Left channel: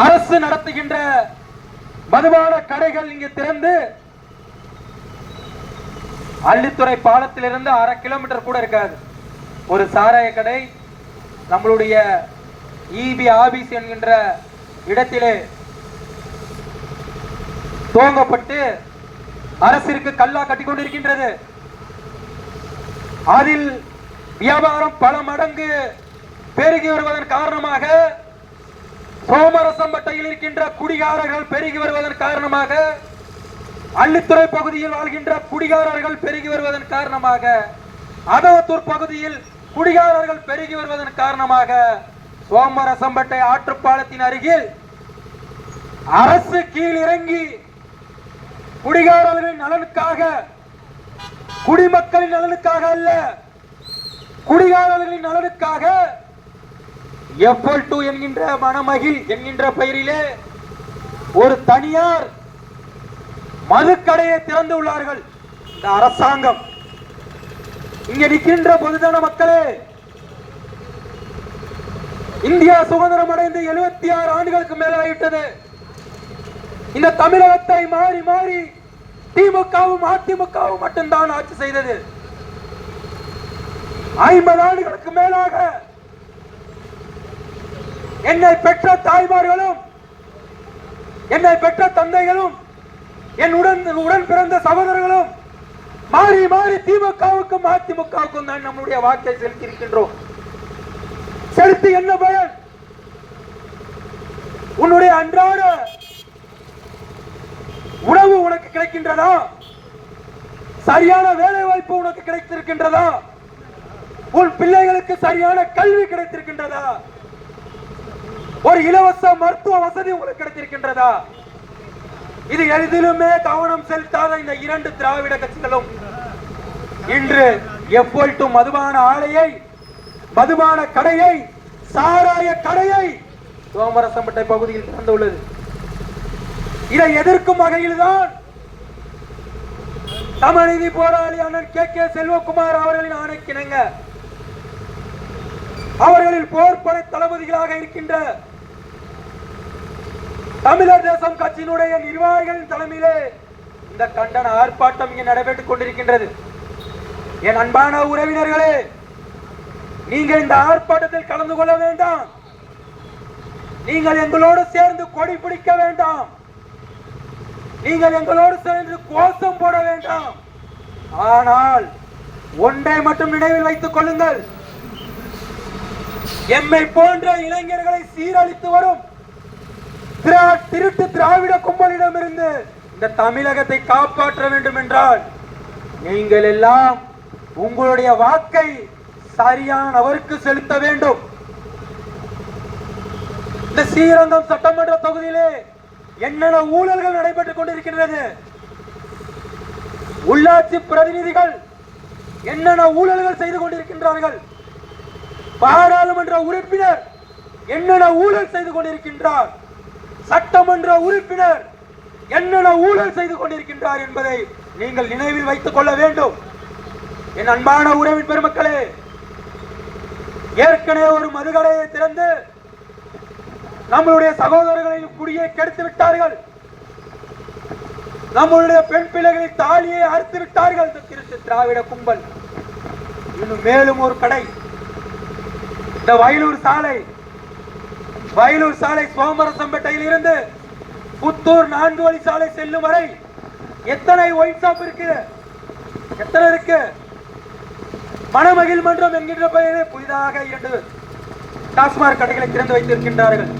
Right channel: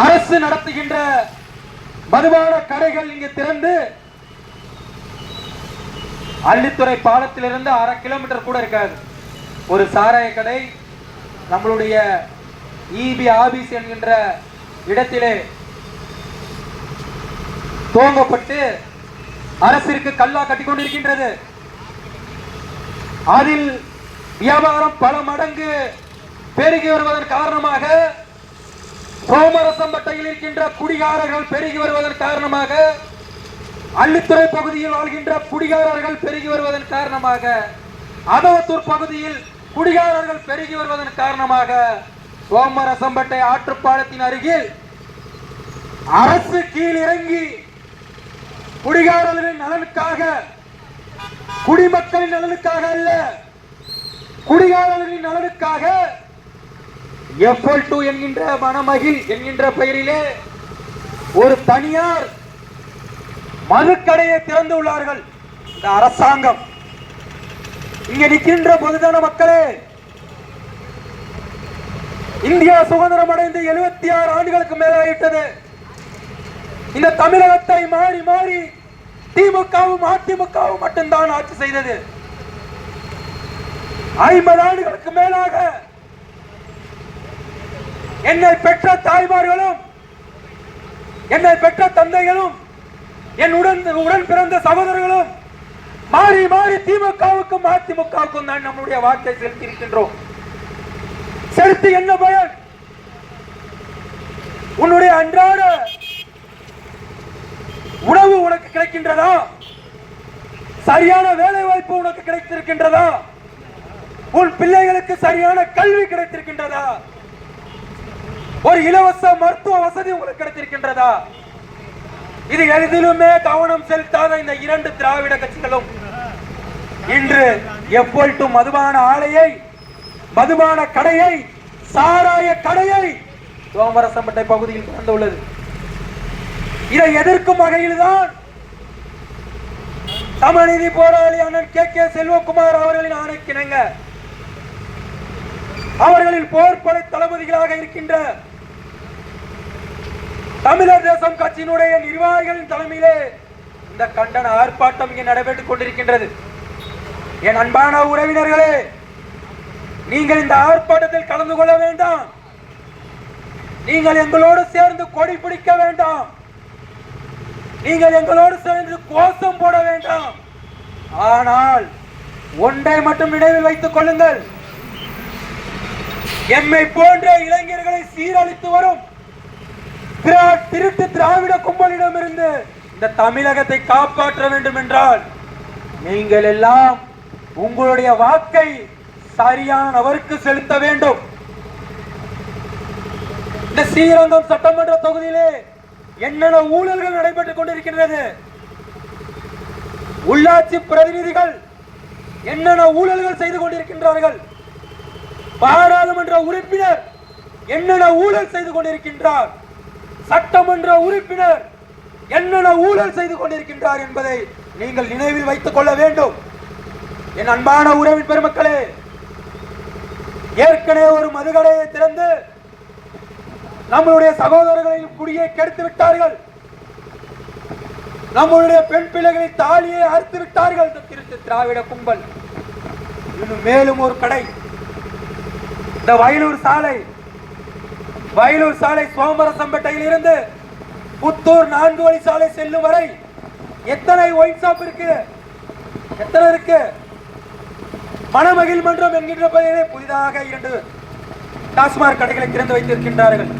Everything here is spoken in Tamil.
அரசு நடத்துகின்ற மதுபான கடைகள் இங்கு திறந்து அள்ளித்துறை பாலத்திலிருந்து அரை கிலோமீட்டர் கூட இருக்காது. ஒரு சாராய கடை நம்மளுடைய இபி ஆபீஸ் என்கின்ற இடத்திலே துவங்கப்பட்டு அரசிற்கு கல்லா கட்டி கொண்டிருக்கின்றது. அதில் வியாபாரம் பல மடங்கு பெருகி வருவதன் காரணமாக சோமரசம்பட்டையில் இருக்கின்ற குடிகாரர்கள் பெருகி வருவதன் காரணமாக அள்ளித்துறை பகுதியில் வாழ்கின்ற குடிகாரர்கள் பெருகி வருவதன் காரணமாக அதவத்தூர் பகுதியில் குடிகாரர்கள் பெருகி வருவதன் காரணமாக சோமரசம்பட்டை ஆற்றுப்பாலத்தின் அருகில் அரசு கீழிறங்கி குடிகாரர்களின் நலனுக்காக குடிமக்களின் நலனுக்காக அல்ல குடிகாரர்களின் நலனுக்காக எஃப்எல் டூ என்கின்ற மணமகிழ் என்கின்ற பெயரிலே ஒரு தனியார் மதுக்கடையை திறந்து உள்ளார்கள். இந்த அரசாங்கம். இங்க நிற்கின்ற பொதுஜன மக்களே இந்தியா சுதந்திரம் அடைந்து எழுபத்தி ஆறு ஆண்டுகளுக்கு மேலாகிட்டது இந்த தமிழகத்தை மாறி மாறி திமுகவும் அதிமுகவும் மட்டும்தான் ஆட்சி செய்தது. ஐம்பது ஆண்டுகளுக்கு மேலாக என்னை பெற்ற தாய்மார்களும் என்னை பெற்ற தந்தைகளும் என் உடன் உடன் பிறந்த சகோதரர்களும் மாறி மாறி திமுகவுக்கும் அதிமுகவுக்கும் தான் நம்முடைய வாக்கை செலுத்தி இருக்கின்றோம் செலுத்தி என்ன பயன்? உன்னுடைய அன்றாட உணவு உனக்கு கிடைக்கின்றதா? சரியான வேலை வாய்ப்பு உனக்கு கிடைத்திருக்கின்றதா? உன் பிள்ளைகளுக்கு சரியான கல்வி கிடைத்திருக்கின்றதா? ஒரு இலவச மருத்துவ வசதி உங்களுக்கு கிடைத்திருக்கின்றதா? இது எதிலுமே கவனம் செலுத்தாத இந்த இரண்டு திராவிட கட்சிகளும். இன்று எப்பொழுது மதுபான ஆலையை மதுபான கடையை சாராய கடையை சோமரசம்பட்டை பகுதியில் திறந்துள்ளது. இதை எதிர்க்கும் வகையில்தான் சமநீதி போராளி அண்ணன் கே கே செல்வகுமார் அவர்களின் ஆணைக்கிணங்க. அவர்களின் போர்படை தளபதிகளாக இருக்கின்ற தமிழர் தேசம் கட்சியினுடைய நிர்வாகிகளின் தலைமையிலே இந்த கண்டன ஆர்ப்பாட்டம் இங்கே நடைபெற்றுக் கொண்டிருக்கின்றது. என் அன்பான உறவினர்களே நீங்கள் இந்த ஆர்ப்பாட்டத்தில் கலந்து கொள்ள வேண்டாம். நீங்கள் எங்களோடு சேர்ந்து கொடி பிடிக்க வேண்டாம். நீங்கள் எங்களோடு சேர்ந்து கோஷம் போட வேண்டாம். ஆனால் ஒன்றை மட்டும் நினைவில் வைத்துக் கொள்ளுங்கள். எம்மை போன்ற இளைஞர்களை சீரழித்து வரும் திருட்டு திராவிட கும்பலிடமிருந்து இந்த தமிழகத்தை காப்பாற்ற வேண்டும் என்றால் நீங்கள் எல்லாம் உங்களுடைய வாக்கை சரியானவருக்கு செலுத்த வேண்டும். இந்த ஸ்ரீரங்கம் சட்டமன்ற தொகுதியிலே என்னென்ன ஊழல்கள் நடைபெற்றுக் கொண்டிருக்கின்றது? உள்ளாட்சி பிரதிநிதிகள் என்னென்ன ஊழல்கள் செய்து கொண்டிருக்கின்றார்கள்? பாராளுமன்ற உறுப்பினர் என்னென்ன ஊழல் செய்து கொண்டிருக்கின்றார்? சட்டமன்ற உறுப்பினர் என்னென்ன ஊழல் செய்து கொண்டிருக்கின்றார் என்பதை நீங்கள் நினைவில் வைத்துக் கொள்ள வேண்டும். என் அன்பான உறவின் பெருமக்களே ஏற்கனவே ஒரு மதுகடையை திறந்து நம்மளுடைய சகோதரர்களின் குடியை கெடுத்து விட்டார்கள். நம்மளுடைய பெண் பிள்ளைகளின் தாலியை அறுத்து விட்டார்கள். திருட்டு திராவிட கும்பல். இன்னும் மேலும் ஒரு கடை. இந்த வயலூர் சாலை வயலூர் சாலை சோமரசம்பட்டையில் இருந்து புத்தூர் நான்கு வழி சாலை செல்லும் வரை எத்தனை ஒயிட் ஷாப் இருக்கு? எத்தனை இருக்கு? மனமகிழ் மன்றம் என்கின்ற பெயரிலே புதிதாக இரண்டு டாஸ்மாக் கடைகளை திறந்து வைத்திருக்கின்றார்கள்.